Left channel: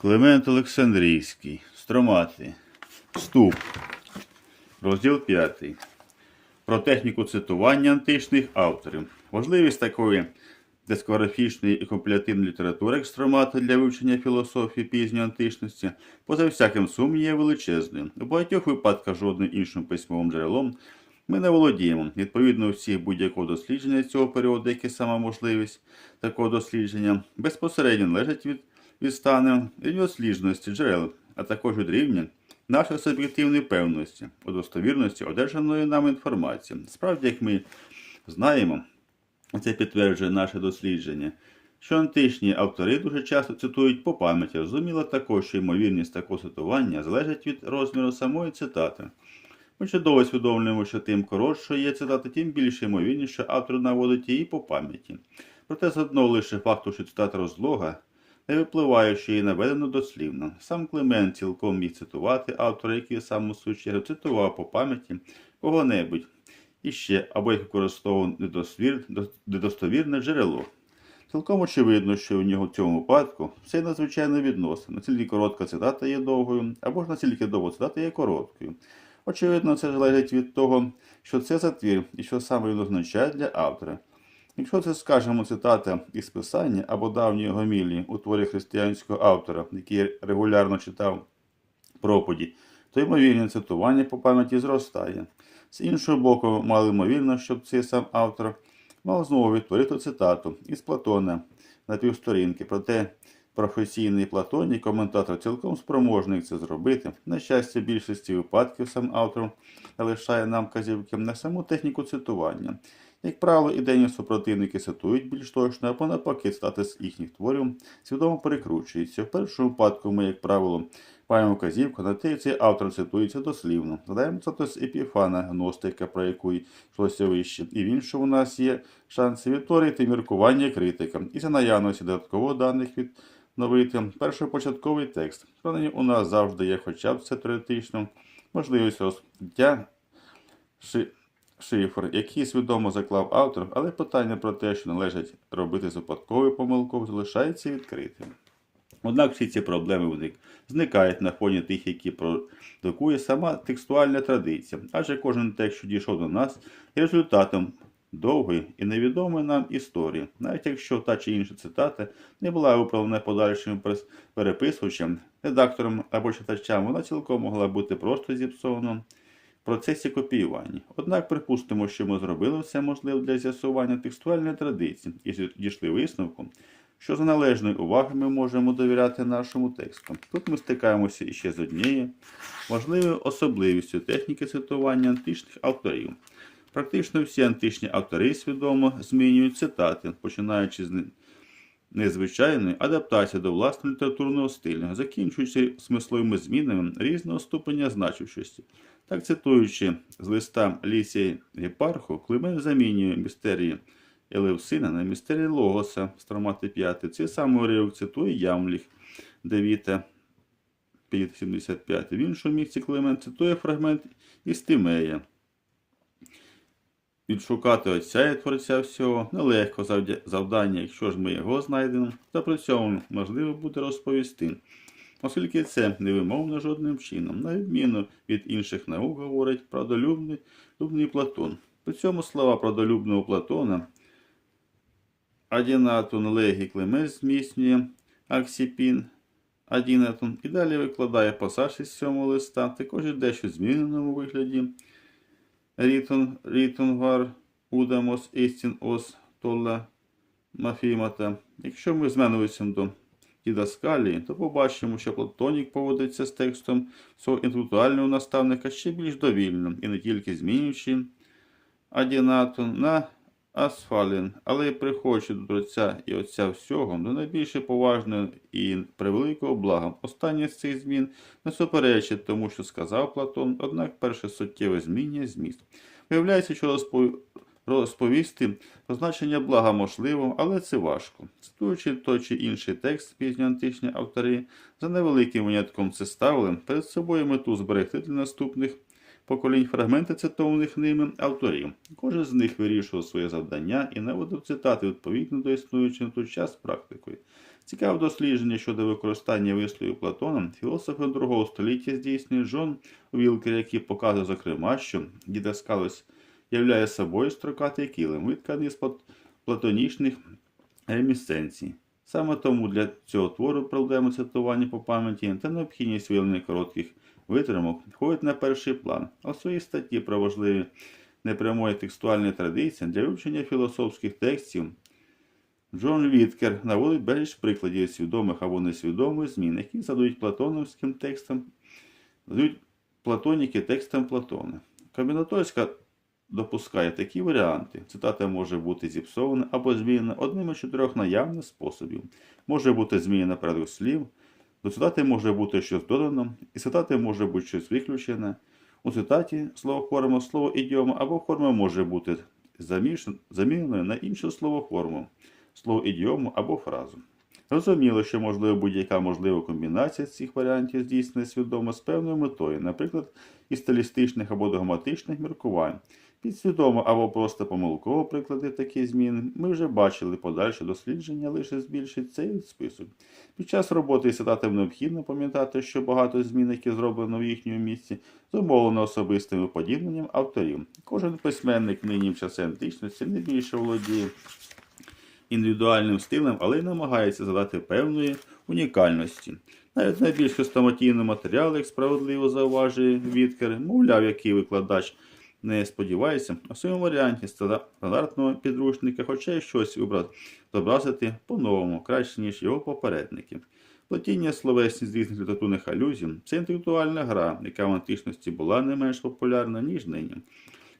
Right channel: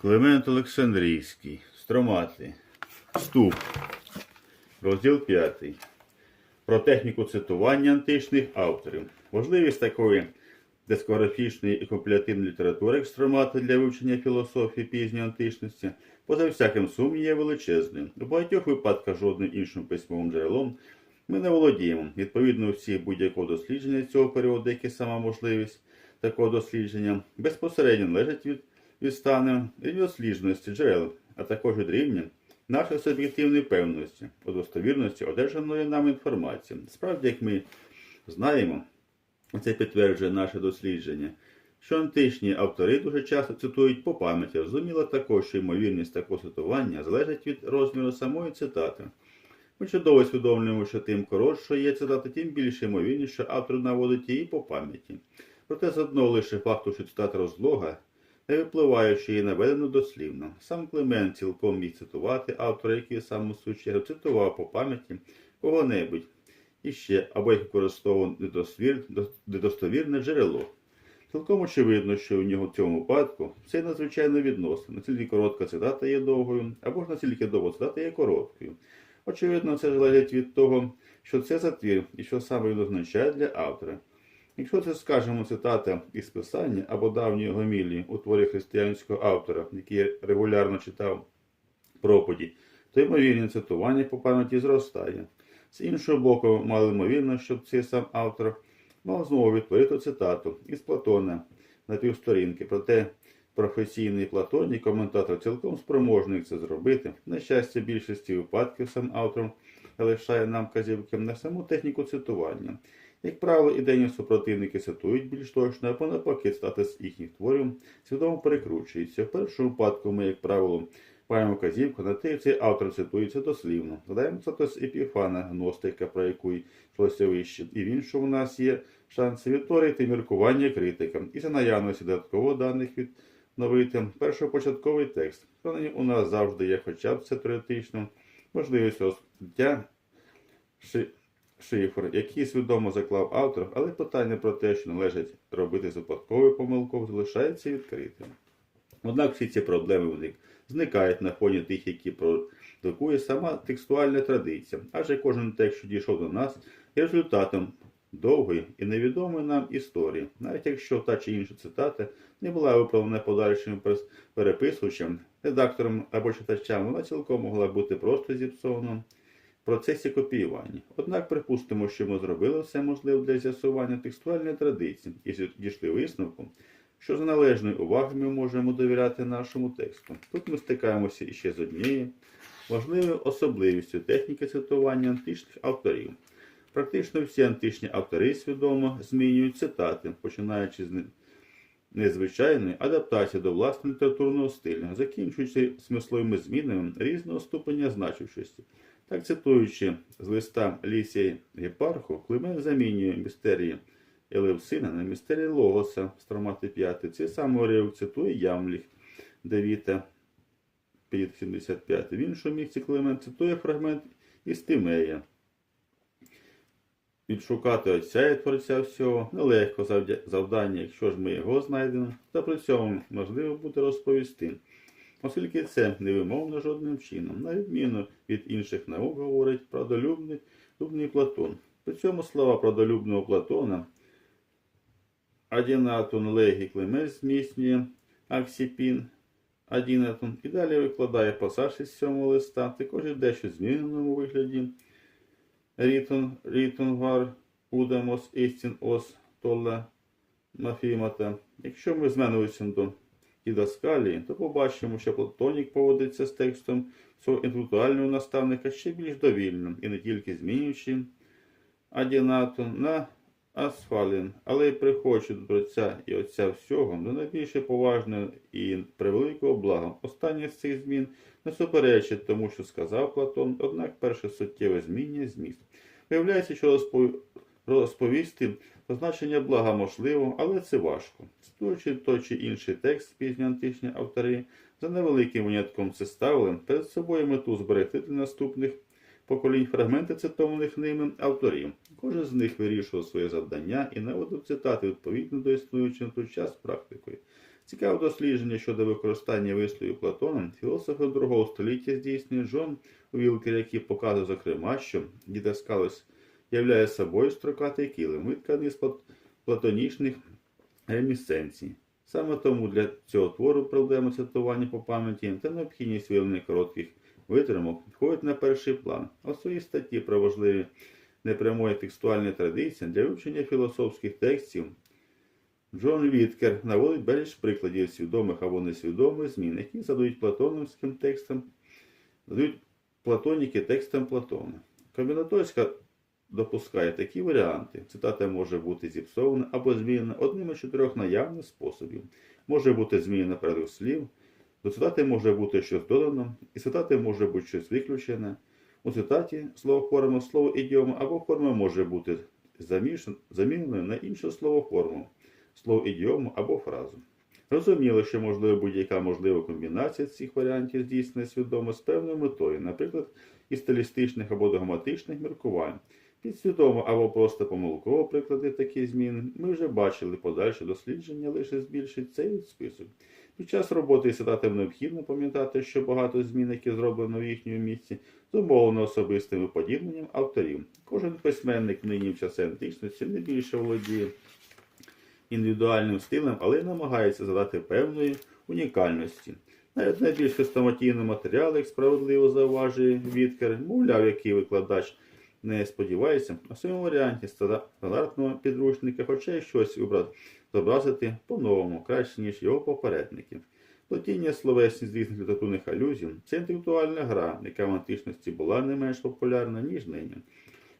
Климент Олександрійський. Стромати. Вступ. Розділ 5. Про техніку цитування античних авторів. Важливість такої дискографічної і компілятивної літератури як стромати для вивчення філософії пізньої античності, поза всяким сумнівом є величезною. У багатьох випадках жодним іншим письмовим джерелом ми не володіємо. Відповідно, всіх будь-якого дослідження цього періоду, як і сама можливість такого дослідження, безпосередньо належить від, від стану і дослідженості джерел, а також від рівня нашої суб'єктивної певності, у достовірності одержаної нам інформації. Справді, як ми знаємо, це підтверджує наше дослідження, що античні автори дуже часто цитують по пам'яті. Зрозуміло також, що ймовірність такого цитування залежить від розміру самої цитати. Ми чудово усвідомлюємо, що тим коротшою є цитата, тим більше ймовірність, що автор наводить її по пам'яті. Проте з одного лише факту, що цитата розлога, не випливає, що її наведено дослівно. Сам Климент цілком міг цитувати автора, який сам у чергу цитував по пам'яті кого-небудь і ще або як використовував недостовірне джерело. Цілком очевидно, що у нього в цьому випадку все надзвичайно відносно. Настільки коротка цитата є довгою, або ж настільки довга цитата є короткою. Очевидно, це залежить від того, що це за твір і що саме він означає для автора. Якщо це, скажімо, цитата із писання або давньої гомілії у творі християнського автора, який регулярно читав проповіді, то ймовірне цитування по пам'яті зростає. З іншого боку, мало ймовірно, щоб цей сам автор мав знову відтворити цитату із Платона на півсторінки. Проте професійний Платоній коментатор цілком спроможний це зробити. На щастя, більшості випадків сам автор залишає нам казівки на саму техніку цитування. Як правило, ідейні супротивники цитують більш точно, або навпаки, з їхніх творів свідомо перекручуються. В першому випадку ми, як правило, маємо вказівку на те, цей автор цитується дослівно. Згадаємо цитату з Епіфана, гностика, про яку йшлося вище. І в іншому у нас є шанс відтворити міркування критика. І за наявності додатково даних відновити першопочатковий текст. Принаймні у нас завжди є хоча б це теоретично можливість розкриття шифр, який свідомо заклав автор, але питання про те, що належить робити з випадковою помилкою, залишається відкритим. Однак всі ці проблеми зникають на фоні тих, які продукує сама текстуальна традиція, адже кожен текст, що дійшов до нас, є результатом довгої і невідомої нам історії, навіть якщо та чи інша цитата не була виправлена подальшим переписувачем, редактором або читачам, вона цілком могла бути просто зіпсована процесі копіювання. Однак припустимо, що ми зробили все можливе для з'ясування текстуальної традиції і дійшли висновку, що з належною увагою ми можемо довіряти нашому тексту. Тут ми стикаємося іще з однією важливою особливістю техніки цитування античних авторів. Практично всі античні автори свідомо змінюють цитати, починаючи з незвичайної адаптації до власного літературного стилю, закінчуючи смисловими змінами різного ступеня значущості. Так, цитуючи з листа Лісія Гепарху, Климент замінює містерії Елевсина на містерії Логоса з Тромати 5. Цей самий уривок цитує Ямліх Девіта 575. В іншому місці Климент цитує фрагмент із Тимея. Відшукати отця і творця всього нелегко завдання, якщо ж ми його знайдемо, то при цьому можливо буде розповісти. Оскільки це невимовно жодним чином, на відміну від інших наук, говорить правдолюбний любний Платон. При цьому слова правдолюбного Платона Адінатун Легі Клемес зміцнює Аксіпін Адінатун і далі викладає пасаж із сьомого листа, також і дещо зміненому вигляді. Рітун, Рітунгар, Удамос, Істін, Ос, Толла, Мафімата. Якщо ми зменуємося до дідаскалії, то побачимо, що Платонік поводиться з текстом свого інтелектуального наставника ще більш довільно і не тільки змінюючи Адінатун на Асфалін, але й приходячи до Творця і Отця всього, до найбільше поважного і превеликого блага. Останнє з цих змін не суперечить тому, що сказав Платон, однак перше суттєве змінює зміст. Виявляється, що розпо- розповісти про значення блага можливо, але це важко. Цитуючи той чи інший текст пізньоантичні автори, за невеликим винятком це ставили перед собою мету зберегти для наступних поколінь фрагменти цитованих ними авторів. Кожен з них вирішував своє завдання і наводив цитати відповідно до існуючої на той час практикою. Цікаве дослідження щодо використання висловів Платоном філософи другого століття здійснює Джон Вілкер, який показує, зокрема, що дідаскалось являє собою строкатий килим, витканий з плат- платонічних ремісценцій. Саме тому для цього твору проблеми цитування по пам'яті та необхідність виявлення коротких витримок входять на перший план, в своїй статті про важливі непрямої текстуальної традиції для вивчення філософських текстів Джон Віткер наводить безліч прикладів свідомих або несвідомих змін, які задають платоновським текстам, задають платоніки текстам Платона. Комбінаторська допускає такі варіанти. Цитата може бути зіпсована або змінена одним із чотирьох наявних способів. Може бути змінена порядок слів, до цитати може бути щось додано, і цитати може бути щось виключене. У цитаті словоформа, слово ідіома або форма може бути заміненою на іншу словоформу, слово ідіому або фразу. Зрозуміло, що можливо будь-яка можлива комбінація цих варіантів здійснена свідомо з певною метою, наприклад, із стилістичних або догматичних міркувань. Підсвідомо або просто помилково приклади такі зміни ми вже бачили подальше дослідження лише збільшить цей список. Під час роботи з цитатами необхідно пам'ятати, що багато змін, які зроблено в їхньому місці, зумовлено особистим уподібненням авторів. Кожен письменник нині в часи античності не більше володіє індивідуальним стилем, але й намагається задати певної унікальності. Навіть найбільш хрестоматійні матеріали, як справедливо зауважує Віткер, мовляв, який викладач не сподівається, у своєму варіанті стандартного підручника, хоча й щось зобразити по-новому, краще, ніж його попередники. Платіння словесність з різних літературних алюзій це інтелектуальна гра, яка в античності була не менш популярна, ніж нині.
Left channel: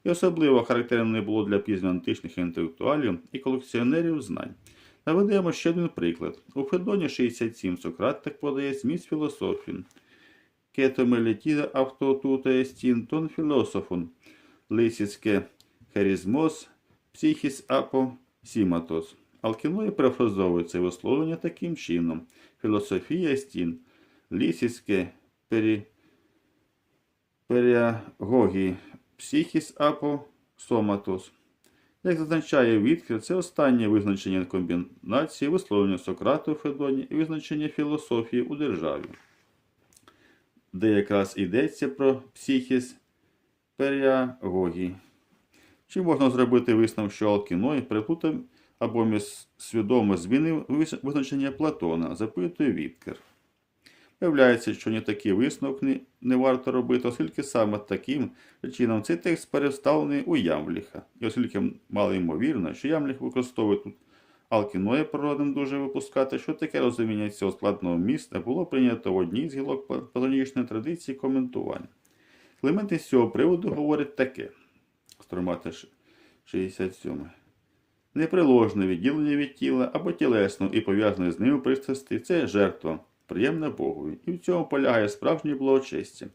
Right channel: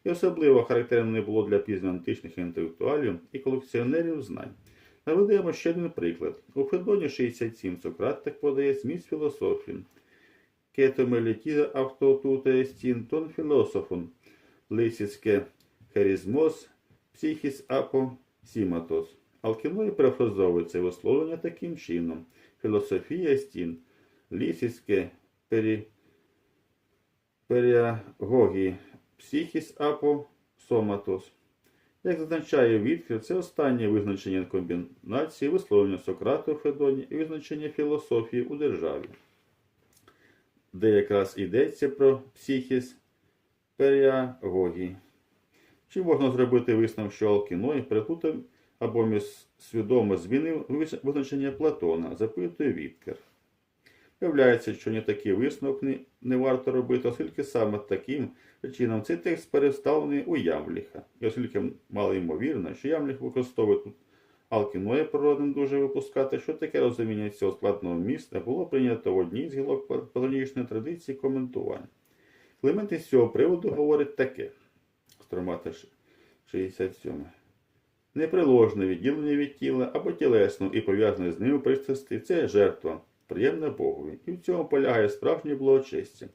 І особливо характерним було для пізноантичних інтелектуалів і колекціонерів знань. Наведемо ще один приклад. У Федоні 67 Сократ так подає зміст філософії. Кетомелітіда автотута естін тон філософон, лисицьке херізмос, психіс апо сіматос. Алкіної перефразовує висловлення таким чином. Філософія стін, лісіське пері... періагогії, психіс апо соматос. Як зазначає Віткер, це останнє визначення комбінації висловлення Сократа у Федоні і визначення філософії у державі, де якраз йдеться про психіс періагогії. Чи можна зробити висновок, що Алкіной переплутав або свідомо змінив визначення Платона, запитує Віткер. Виявляється, що ні такий висновок не, не варто робити, оскільки саме таким чином цей текст переставлений у Ямліха. І оскільки мало ймовірно, що Ямліх використовує тут Алкіноя природним дуже випускати, що таке розуміння цього складного міста було прийнято в одній з гілок платонічної традиції коментування. Клемент із цього приводу говорить таке: Стромати 67. Неприложне відділення від тіла або тілесно і пов'язане з ними пристрасти це жертва, приємна Богові, і в цьому полягає справжнє благочестя.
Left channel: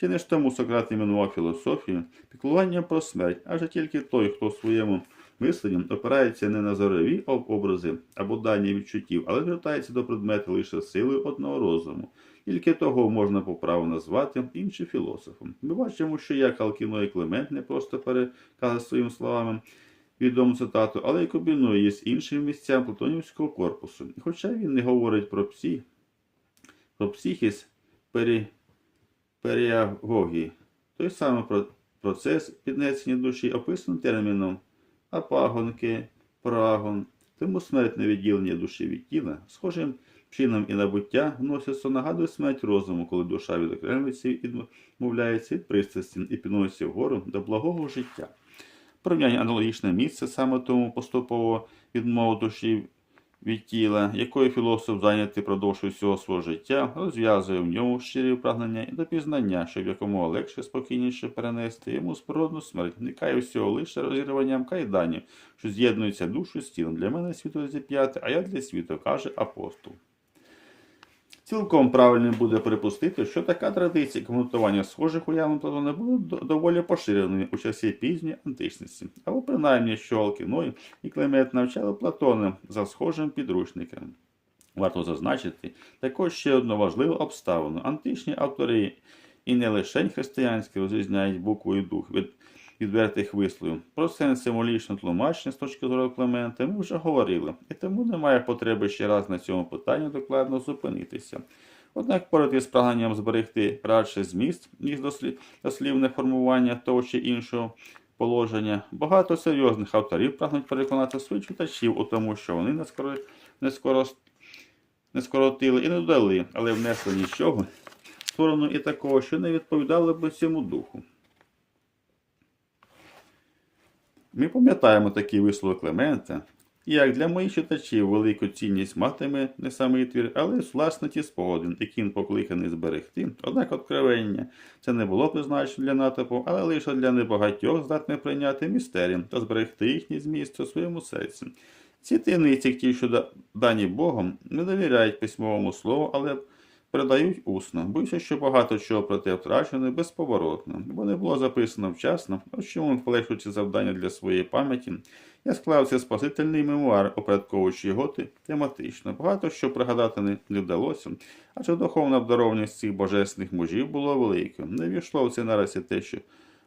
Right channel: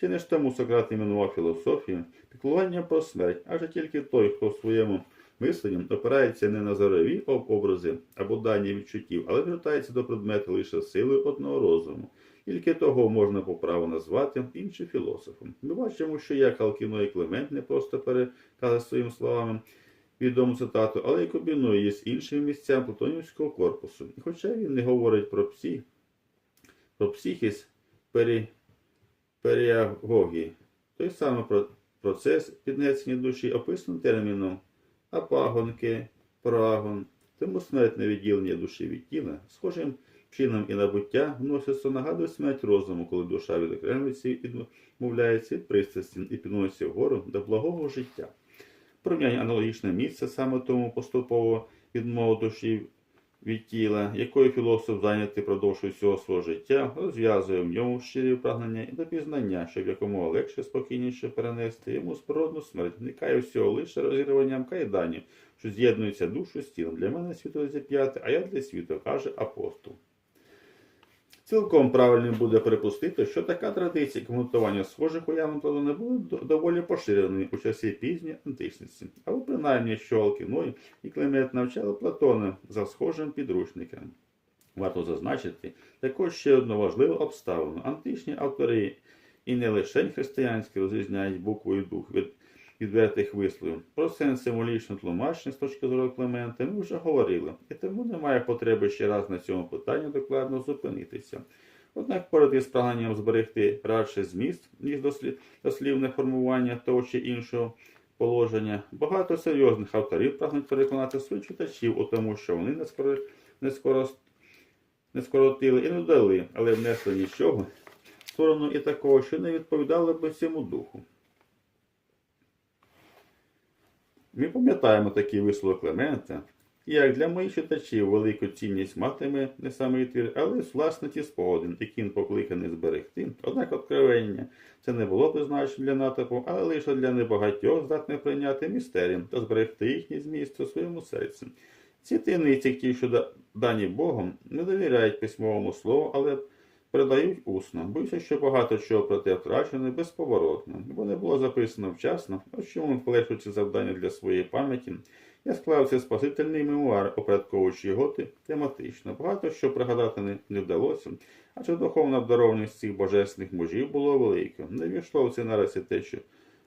Чи не ж тому Сократ іменував філософію піклуванням про смерть, адже тільки той, хто в своєму мисленні опирається не на зорові образи або дані відчуттів, але звертається до предмету лише силою одного розуму. Тільки того можна по праву назвати іншим філософом. Ми бачимо, що як Алкіно і Клемент не просто переказує своїми словами відому цитату, але й комбінує її з іншими місцями платонівського корпусу. Хоча він не говорить про псі, про психіс пері, періагогії, той самий про- процес піднесення душі описаний терміном апагонки, парагон, тому смертне відділення душі від тіла, схожим чином і набуття вноситься нагадує смерть розуму, коли душа відокремиться і відмовляється від пристрасті і підноситься вгору до благого життя. Порівняння аналогічне місце саме тому поступово відмову душі від тіла, якою філософ зайнятий продовж усього свого життя, розв'язує в ньому щирі прагнення і до щоб якомога легше, спокійніше перенести йому спородну смерть, вникає всього лише розірванням кайданів, що з'єднується душу з тілом. Для мене світло зіп'яти, а я для світу, каже апостол. Цілком правильним буде припустити, що така традиція коментування схожих уявлень Платона була доволі поширеною у часі пізньої античності, або принаймні, що Алкіной і Клемент навчали Платона за схожим підручником. Варто зазначити також ще одну важливу обставину. Античні автори і не лише християнські розрізняють букву і дух від відвертих висловів. Про сенс символічного тлумачення з точки зору Клемента ми вже говорили, і тому немає потреби ще раз на цьому питанні докладно зупинитися. Однак поряд із прагненням зберегти радше зміст, ніж дослі- дослівне формування того чи іншого положення, багато серйозних авторів прагнуть переконати своїх читачів у тому, що вони не, скоро, не, скоро, не скоротили і не додали, але внесли нічого в сторону і такого, що не відповідало би цьому духу. Ми пам'ятаємо такий висловок Клемента, як для моїх читачів велику цінність матиме не самий твір, але власне ті спогади, які він покликаний зберегти. Однак откровення це не було призначено для натовпу, але лише для небагатьох здатне прийняти містерію та зберегти їхній зміст у своєму серці. Ці таємниці, ті, що дані Богом, не довіряють письмовому слову, але передають усно. Боюся, що багато чого про те втрачено безповоротно, бо не було записано вчасно, ось чому, полегшуючи завдання для своєї пам'яті, я склав цей спасительний мемуар, опорядковуючи його тематично. Багато що пригадати не, не вдалося, адже духовна обдарованість цих божественних мужів було великою. Не війшло в цей наразі те, що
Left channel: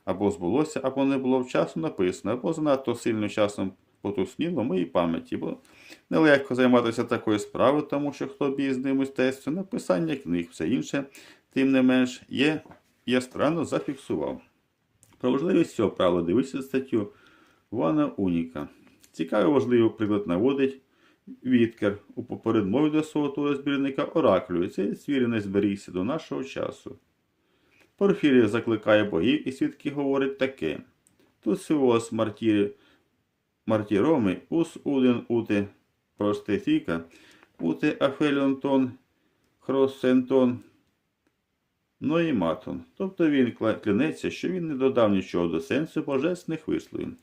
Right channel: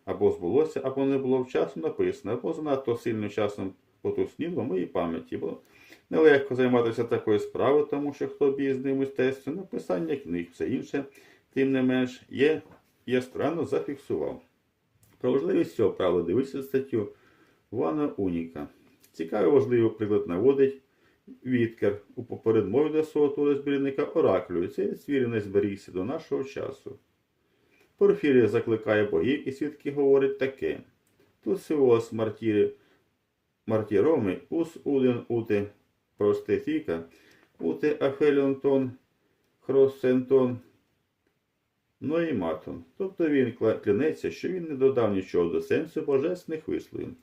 або збулося, або не було вчасно написано, або занадто сильно часом потусніло моїй пам'яті, бо нелегко займатися такою справою, тому що хто обізний мистецтво, написання книг, все інше, тим не менш, є, я странно зафіксував. Про важливість цього правила дивіться статтю Вана Уніка. Цікавий важливий приклад наводить Віткер у попередмові до свого твору збірника Ораклю, і цей свірінець зберігся до нашого часу. Порфірія закликає богів, і свідки говорять таке. Тут сивос мартірі, мартіроми, ус уден ути простефіка, ути афеліонтон, хросентон, ноїматон. Тобто він клянеться, що він не додав нічого до сенсу божественних висловів.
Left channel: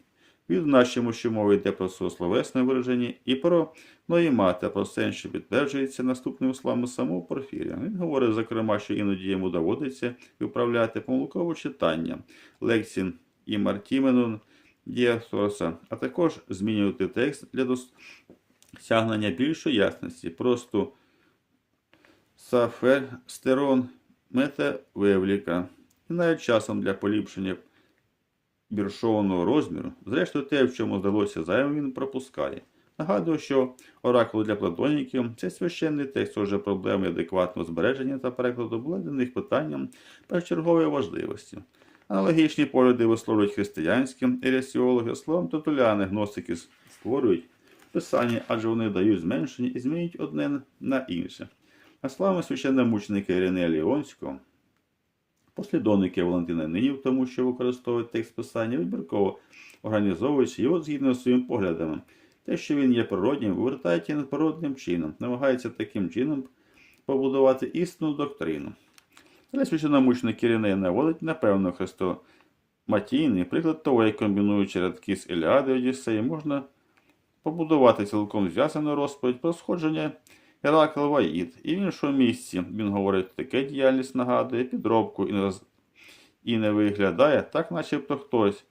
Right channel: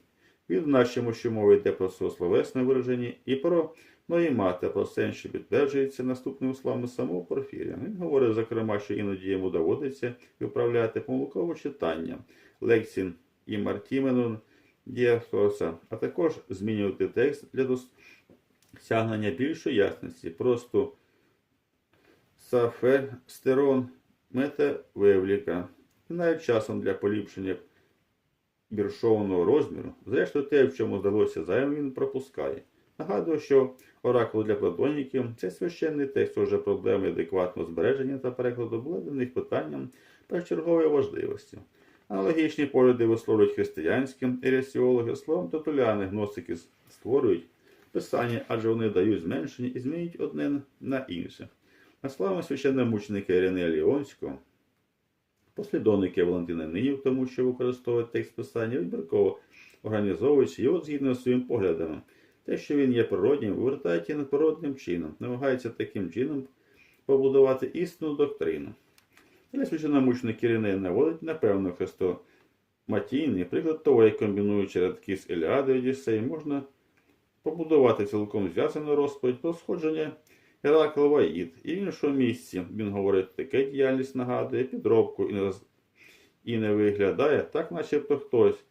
Відзначимо, що мова йде про словесне вираження і про ноїмата, про сенс, що підтверджується наступним словами самого Порфірія. Він говорить, зокрема, що іноді йому доводиться виправляти помилкове читання лексін і Мартіменон Діасоса, а також змінювати текст для досягнення більшої ясності. Просто саферстерон метавевліка. І навіть часом для поліпшення віршованого розміру. Зрештою, те, в чому здалося зайвим, він пропускає. Нагадую, що оракул для платоніків це священний текст, отже, проблеми адекватного збереження та перекладу були для них питанням першочергової важливості. Аналогічні погляди висловлюють християнські ересіологи, словом тотуляни гностики створюють писання, адже вони дають зменшення і змінюють одне на інше. А словами священномученика Іринея Ліонського, послідовники Валентина Нинів, тому що використовують текст писання, вибірково організовуючи його згідно з своїми поглядами. Те, що він є природнім, вивертається надприродним чином, намагається таким чином побудувати істинну доктрину. Але священномученик Іриней наводить, напевно, хрестоматійний приклад того, як комбінуючи рядки з Еліади і Одіссеї, можна побудувати цілком зв'язану розповідь про сходження Геракл Ваїд. І в іншому місці він говорить, таке діяльність нагадує підробку і не, роз... і не виглядає так, начебто хтось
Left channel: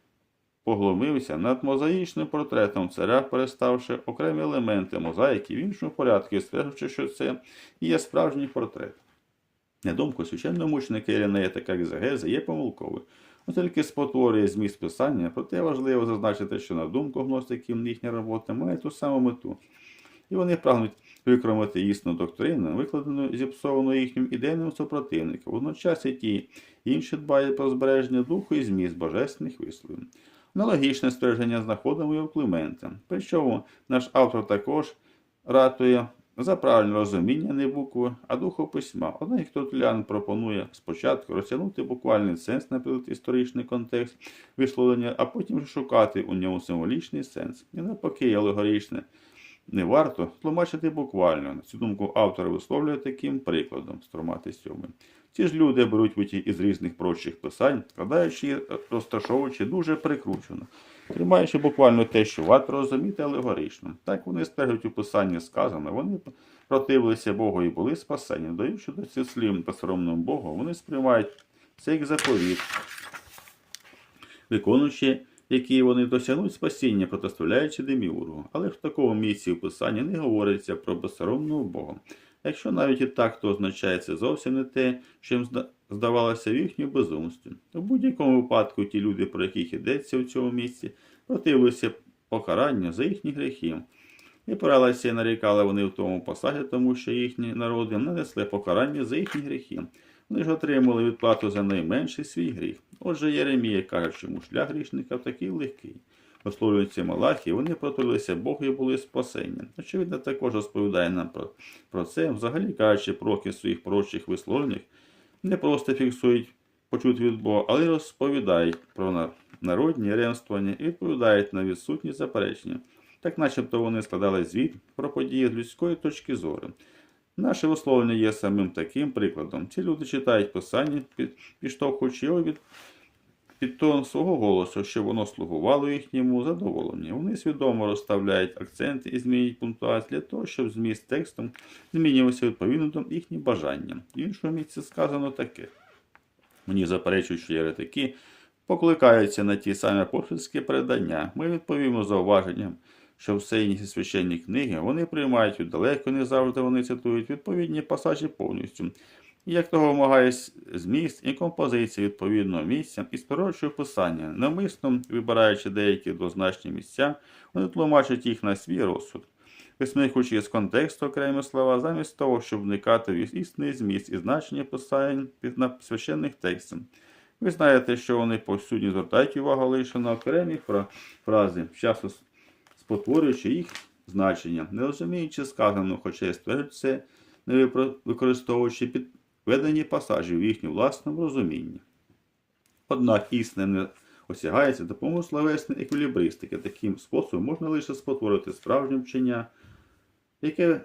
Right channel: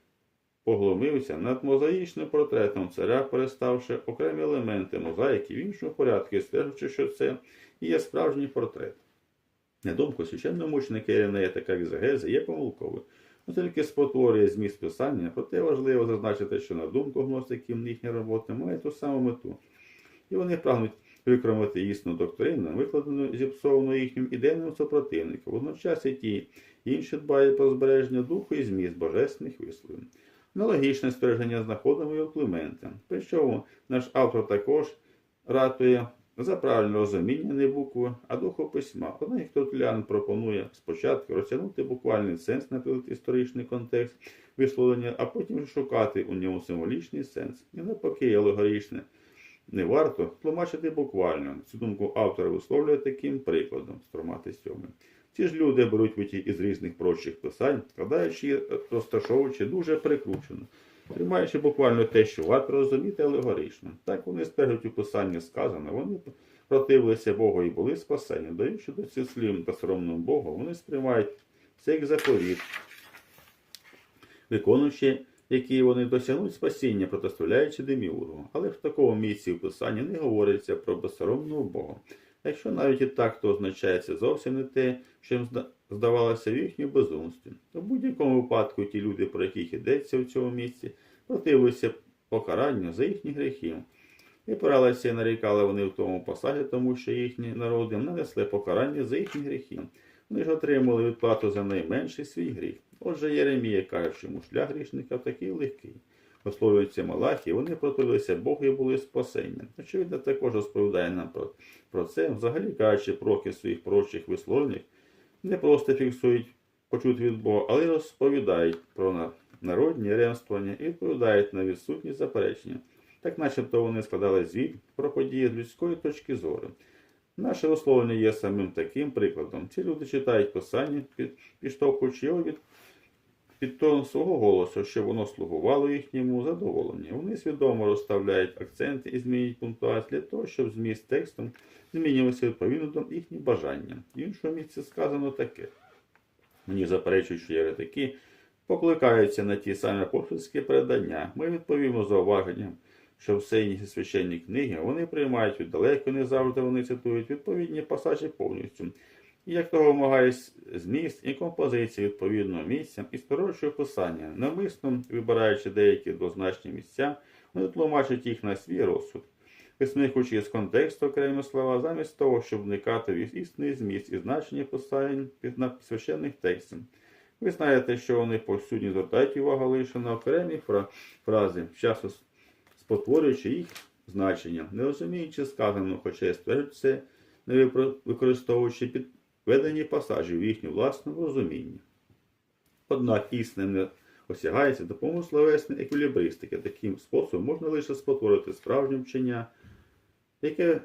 поглумився над мозаїчним портретом царя, переставши окремі елементи мозаїки в іншому порядку, стверджуючи, що це і є справжній портрет. На думку священномученика Іринея така екзегеза є помилковою. Оскільки спотворює зміст писання, проте важливо зазначити, що на думку гностиків їхня робота має ту саму мету. І вони прагнуть викромити істинну доктрину, викладену зіпсовану їхнім ідейним супротивником. Водночас і ті інші дбають про збереження духу і зміст божественних висловів. Аналогічне ствердження знаходимо і у Климента. Причому наш автор також ратує за правильне розуміння не букви, а духу письма. Однак Тотулян пропонує спочатку розтягнути буквальний сенс, наприклад, історичний контекст висловлення, а потім шукати у ньому символічний сенс. І навпаки, алегоричне не варто тлумачити буквально. Цю думку автор висловлює таким прикладом стромати сьомий. Ці ж люди беруть виті із різних прочих писань, складаючи і розташовуючи дуже прикручено, тримаючи буквально те, що варто розуміти алегорично. Так вони стежать у писанні сказано, вони противилися Богу і були спасені, даючи до цих слів та соромному Богу, вони сприймають це як заповіт, виконуючи які вони досягнуть спасіння, протиставляючи деміургу. Але в такому місці в Писанні не говориться про безсоромного Бога. Якщо навіть і так, то означає це зовсім не те, що їм здавалося в їхньому безумстві. У будь-якому випадку ті люди, про яких йдеться у цьому місці, противилися покаранню за їхні гріхи. І поралися і нарікали вони в тому посаді, тому що їхні народи нанесли покарання за їхні гріхи. Вони ж отримали відплату за найменший свій гріх. Отже, Єремія каже, що шлях грішника такий легкий. Висловлюються Малахі, вони протулилися Богу і були спасення. Очевидно, також розповідає нам про, про це, взагалі кажучи, проки своїх прочих висловленнях, не просто фіксують почути від Бога, але й розповідають про народні ремствування і відповідають на відсутні заперечення. Так начебто вони складали звіт про події з людської точки зору. Наше висловлення є самим таким прикладом. Ці люди читають писання, під- підштовхуючи його від, під тон свого голосу, щоб воно слугувало їхньому задоволенню. Вони свідомо розставляють акценти і змінюють пунктуацію для того, щоб зміст тексту змінювався відповідно до їхніх бажань. В іншому місці сказано таке. Мені заперечують, що єретики покликаються на ті самі апостольські передання. Ми відповімо зауваженням, що все інші священні книги вони приймають віддалеко, не завжди вони цитують відповідні пасажі повністю. І як того вимагає с- зміст і композиція відповідного місця і скорочує писання, навмисно вибираючи деякі двозначні місця, вони тлумачать їх на свій розсуд. Висмикуючи з контексту окремі слова, замість того, щоб вникати в істинний зміст і значення писань на священних текстів. Ви знаєте, що вони повсюдні звертають увагу лише на окремі фрази, часто спотворюючи їх значення, не розуміючи сказаного, хоча й стверджують не використовуючи підведені пасажі в їхньому власному розумінні. Однак істина не осягається допомогою словесної еквілібристики. Таким способом можна лише спотворити справжнє вчення, яке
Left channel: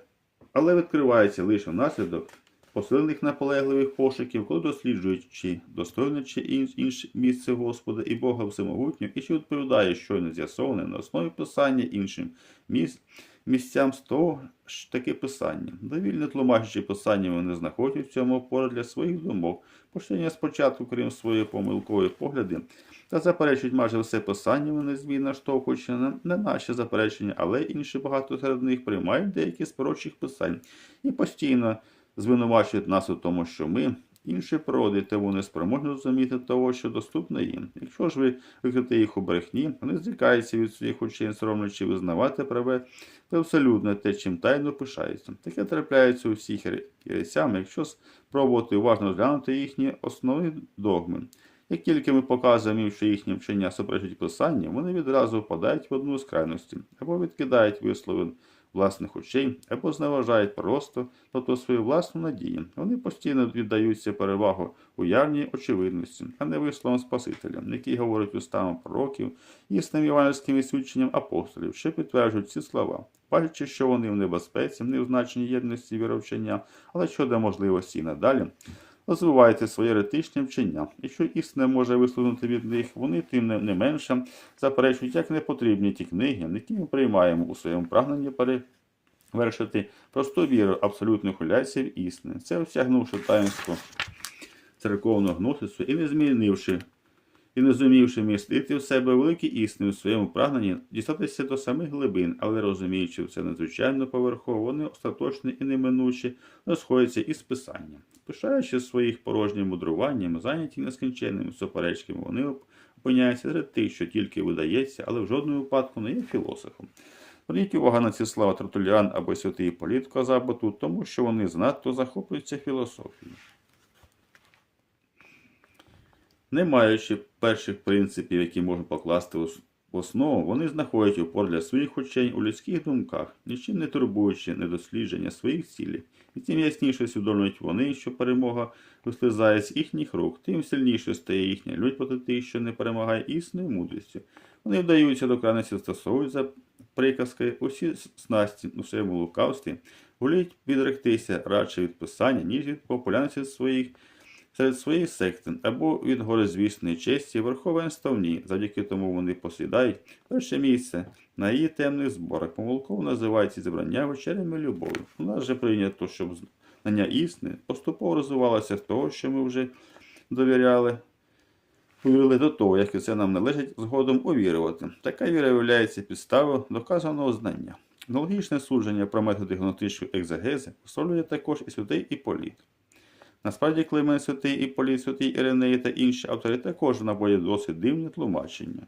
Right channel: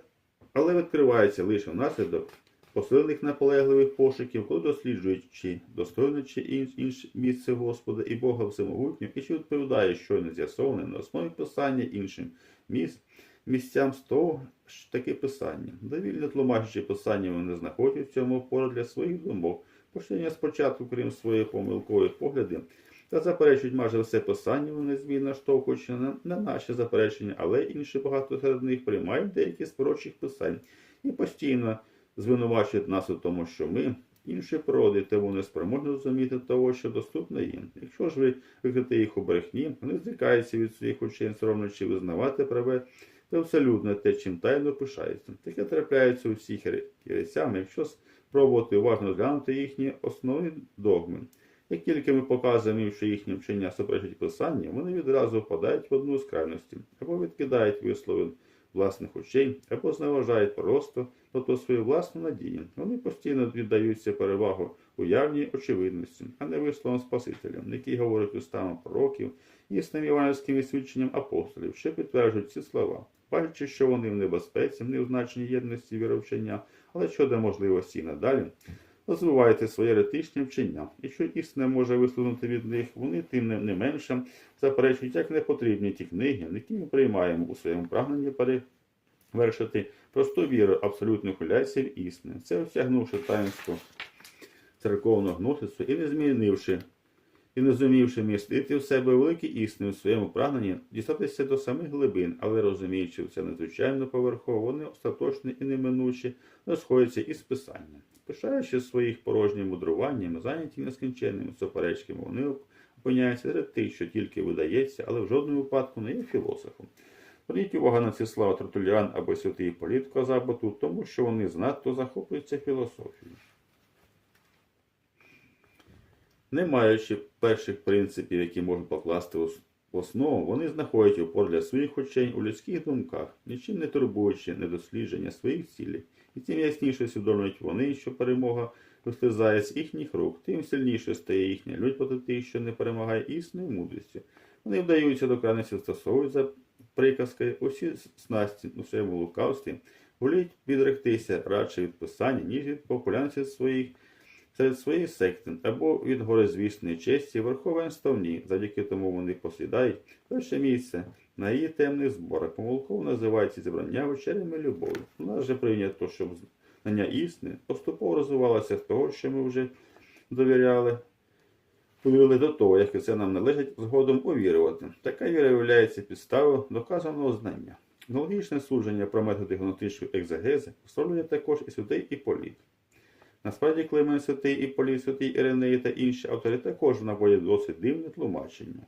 але відкривається лише внаслідок посилених наполегливих пошуків, коли досліджують, чи достойне чи інше місце Господа і Бога Всемогутнього, і чи відповідає щойно з'ясоване на основі писання іншим місць, місцям з того ж таки писання. Довільно тлумачачи писання, вони знаходять в цьому опору для своїх думок, почнення спочатку, крім своєї помилкової погляди, та заперечують майже все писання, вони незмінно штовхуючи на, на наші заперечення, але інші багато серед них приймають деякі з пророчих писань і постійно звинувачують нас у тому, що ми інші природи, тому не спроможні розуміти того, що доступно їм. Якщо ж ви викрите їх у брехні, вони зрікаються від своїх очей, соромлячи визнавати праве та абсолютно те, чим тайно пишаються. Таке трапляється у всіх єресями, якщо спробувати уважно розглянути їхні основні догми. Як тільки ми показуємо що їхні вчення суперечать писанню, вони відразу впадають в одну з крайності, або відкидають вислови власних очей, або зневажають просто, тобто свою власну надію. Вони постійно віддаються перевагу уявній очевидності, а не висловам Спасителя, який говорить устами пророків існим іванівським свідченням апостолів, що підтверджують ці слова, бачачи, що вони в небезпеці, не в значенні єдності віровчення, але щодо можливості і надалі розвиваєте своє еретичне вчення. Якщо істина може висловити від них, вони тим не, менше заперечують, як не потрібні ті книги, які ми приймаємо у своєму прагненні перевершити просту віру абсолютної хуляції в істини. Це осягнувши таїнство церковного гносису і не змінивши і не зумівши містити в себе великі істини в своєму прагненні, дістатися до самих глибин, але розуміючи все надзвичайно поверхово, вони остаточні і неминучі розходяться із писання. Пишаючи своїх порожнім мудруванням, зайняті нескінченними суперечками, вони опиняються серед тих, що тільки видається, але в жодному випадку не є філософом. Зверніть увагу на ці слова Тертуліан або святий Політ казав би тут, тому що вони занадто захоплюються філософією. Не маючи перших принципів, які можна покласти в основу, вони знаходять опор для своїх очей у людських думках, нічим не турбуючи недослідження своїх цілей. І тим ясніше усвідомлюють вони, що перемога вислизає з їхніх рук, тим сильніше стає їхня лють проти тих, що не перемагає існою мудрістю. Вони вдаються до крайності, застосовують за приказки усі снасті у своєму лукавстві, воліють відректися радше від писання, ніж від популярності своїх серед своєї секти або від горозвісної честі верховенства в ній. Завдяки тому вони посідають перше місце на її темних зборах. Помилково називається зібрання вечерями любові. У нас же прийнято, щоб знання істини поступово розвивалося з того, що ми вже довіряли повірили до того, як це нам належить згодом увірувати. Така віра виявляється підставою доказаного знання. Аналогічне судження про методи гнотичної екзегези висловлює також і святий Іполіт. Насправді, Климент святий Іполіт, святий Іринеї та інші автори також наводять досить дивне тлумачення.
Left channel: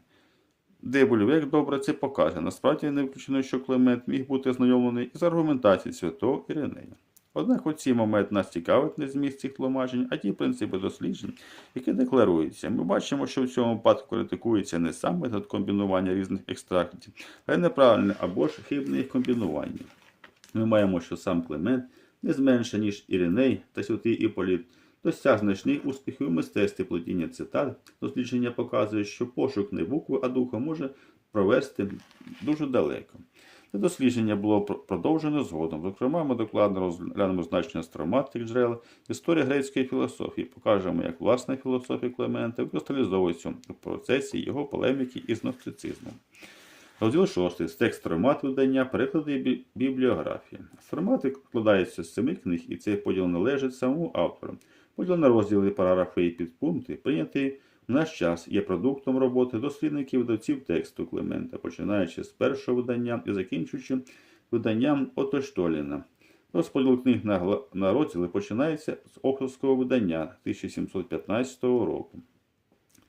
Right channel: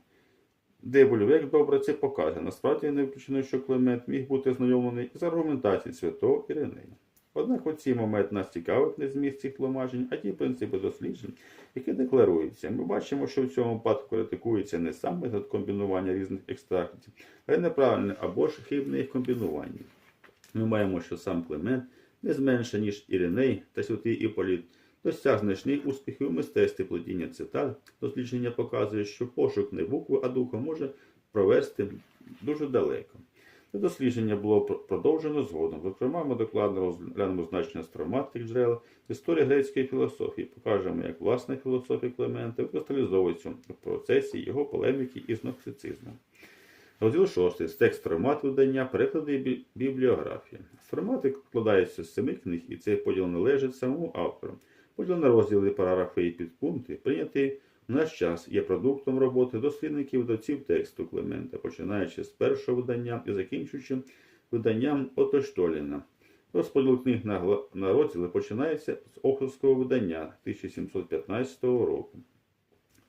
Де Бульвек добре це показує. Насправді не виключено, що Климент міг бути знайомлений із аргументацією святого Іринея. Однак у цей момент нас цікавить не зміст цих тлумачень, а ті принципи досліджень, які декларуються. Ми бачимо, що в цьому випадку критикується не сам метод комбінування різних екстрактів, а й неправильне або ж хибне їх комбінування. Ми маємо, що сам Климент не зменше, ніж Іриней та святий Іполіт, досяг значних успіхів у мистецтві плетіння цитат. Дослідження показує, що пошук не букви, а духа може провести дуже далеко. Це дослідження було пр- продовжено згодом. Зокрема, ми докладно розглянемо значення строматних джерел, історія грецької філософії, покажемо, як власна філософія Клемента викристалізовується в процесі його полеміки із гностицизмом. Розділ 6. З текст стромат видання, переклади і бі- бібліографія. Стромати складаються з семи книг, і цей поділ належить самому автору. Поділ на розділи, параграфи і підпункти, прийнятий в наш час, є продуктом роботи дослідників видавців тексту Клемента, починаючи з першого видання і закінчуючи виданням Ото Штоліна. Розподіл книг на розділи починається з Охровського видання 1715 року.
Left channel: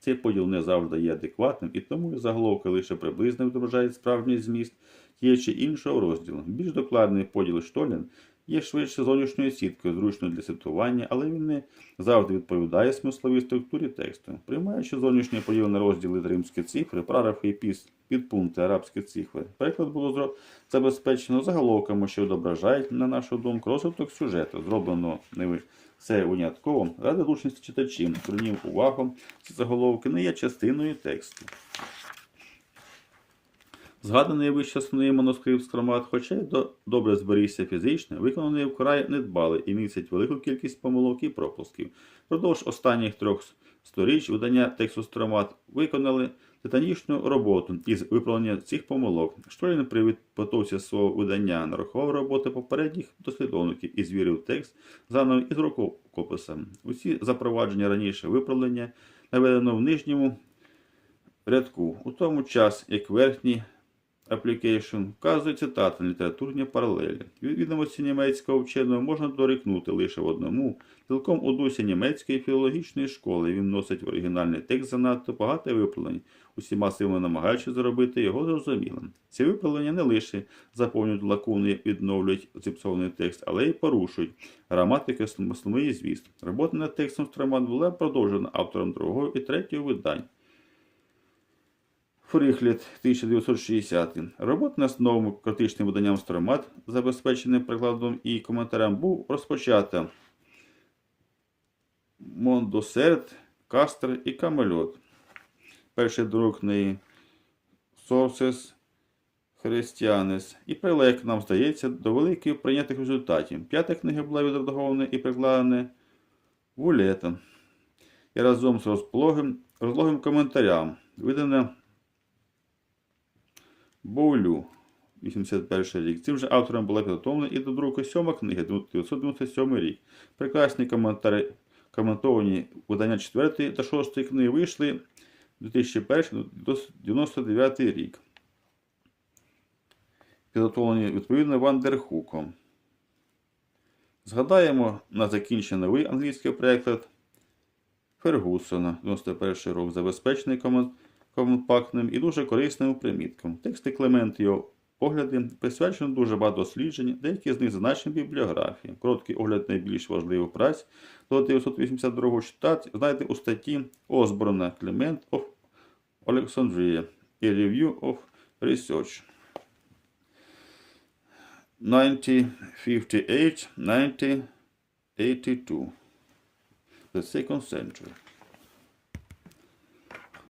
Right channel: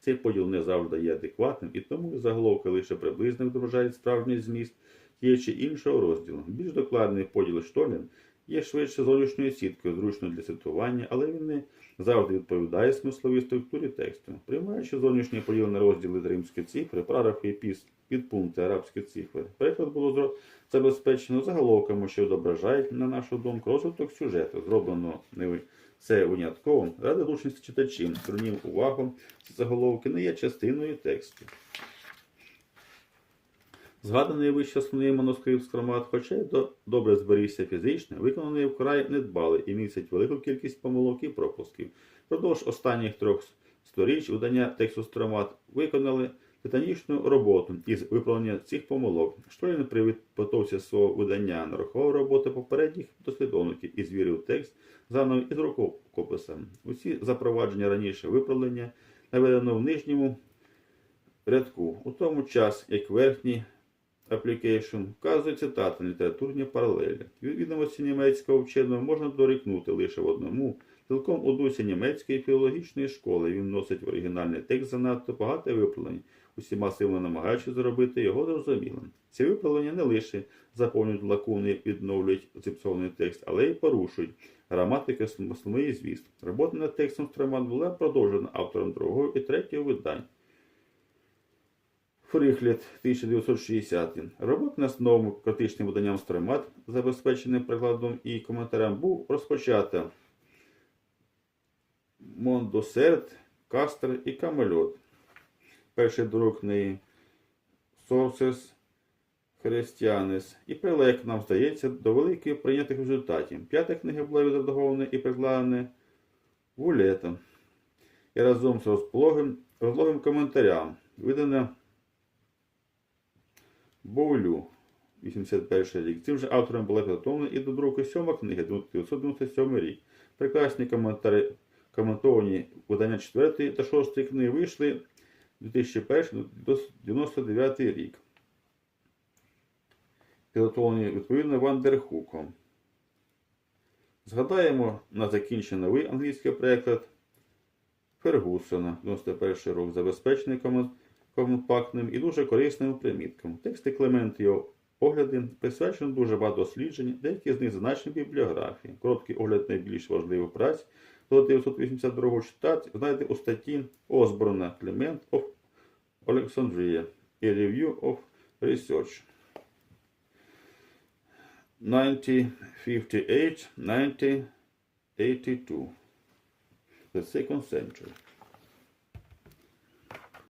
Цей поділ не завжди є адекватним, і тому заголовки лише приблизно відображають справжній зміст тієї чи іншого розділу. Більш докладний поділ Штолін є швидше зовнішньою сіткою, зручною для цитування, але він не завжди відповідає смисловій структурі тексту. Приймаючи зовнішній поділ на розділи римські цифри, параграфи і піс- підпункти арабські цифри, переклад було забезпечено заголовками, що відображають, на нашу думку, розвиток сюжету, зроблено це винятково ради зручності читачів. Звернів увагу, ці заголовки не є частиною тексту. Згаданий вище основний манускрипт скромат, хоча й до- добре зберігся фізично, виконаний вкрай недбали і містить велику кількість помилок і пропусків. Продовж останніх трьох сторіч видання тексту стромат виконали титанічну роботу із виправлення цих помилок. Штолін при підготовці свого видання нарахував роботи попередніх дослідовників і звірив текст заново із рукописом. Усі запровадження раніше виправлення наведено в нижньому рядку, у тому час, як верхній application вказує цитати на літературні паралелі. Від відомості німецького вченого можна дорікнути лише в одному. Цілком у дусі німецької філологічної школи він носить в оригінальний текст занадто багато виправлень, усіма силами намагаючись зробити його зрозумілим. Ці виправлення не лише заповнюють лакуни і відновлюють зіпсований текст, але й порушують граматики основної звіст. Робота над текстом Строман була продовжена автором другого і третього видань. Фрихлет 1960. Робота над новим критичним виданням Стромат, забезпеченим прикладом і коментарем, був розпочата Мондосерт, Кастер і Камельот. Перший друг книги Sources Христианес і прилег, нам здається, до великих прийнятих результатів. П'ята книга була відредагована і прикладена вулетом. І разом з розлогим, розлогим коментарям видана Боулю, 81 рік. Цим же автором була підготовлена і до друку сьома книга, 1997 рік. Прекрасні коментарі, коментовані видання 4 та 6 книги вийшли 2001-99 рік. Підготовлені відповідно Вандерхуком. Згадаємо на закінчення новий англійський переклад Фергусона, 91 рік, забезпечений компактним і дуже корисним примітком. Тексти Клемент його огляди присвячено дуже багато досліджень, деякі з них зазначені в бібліографії. Короткий огляд найбільш важливих праць до 982 читати знайдете у статті Осборна Clement of Alexandria і Review of Research. 1958-1982. The second century.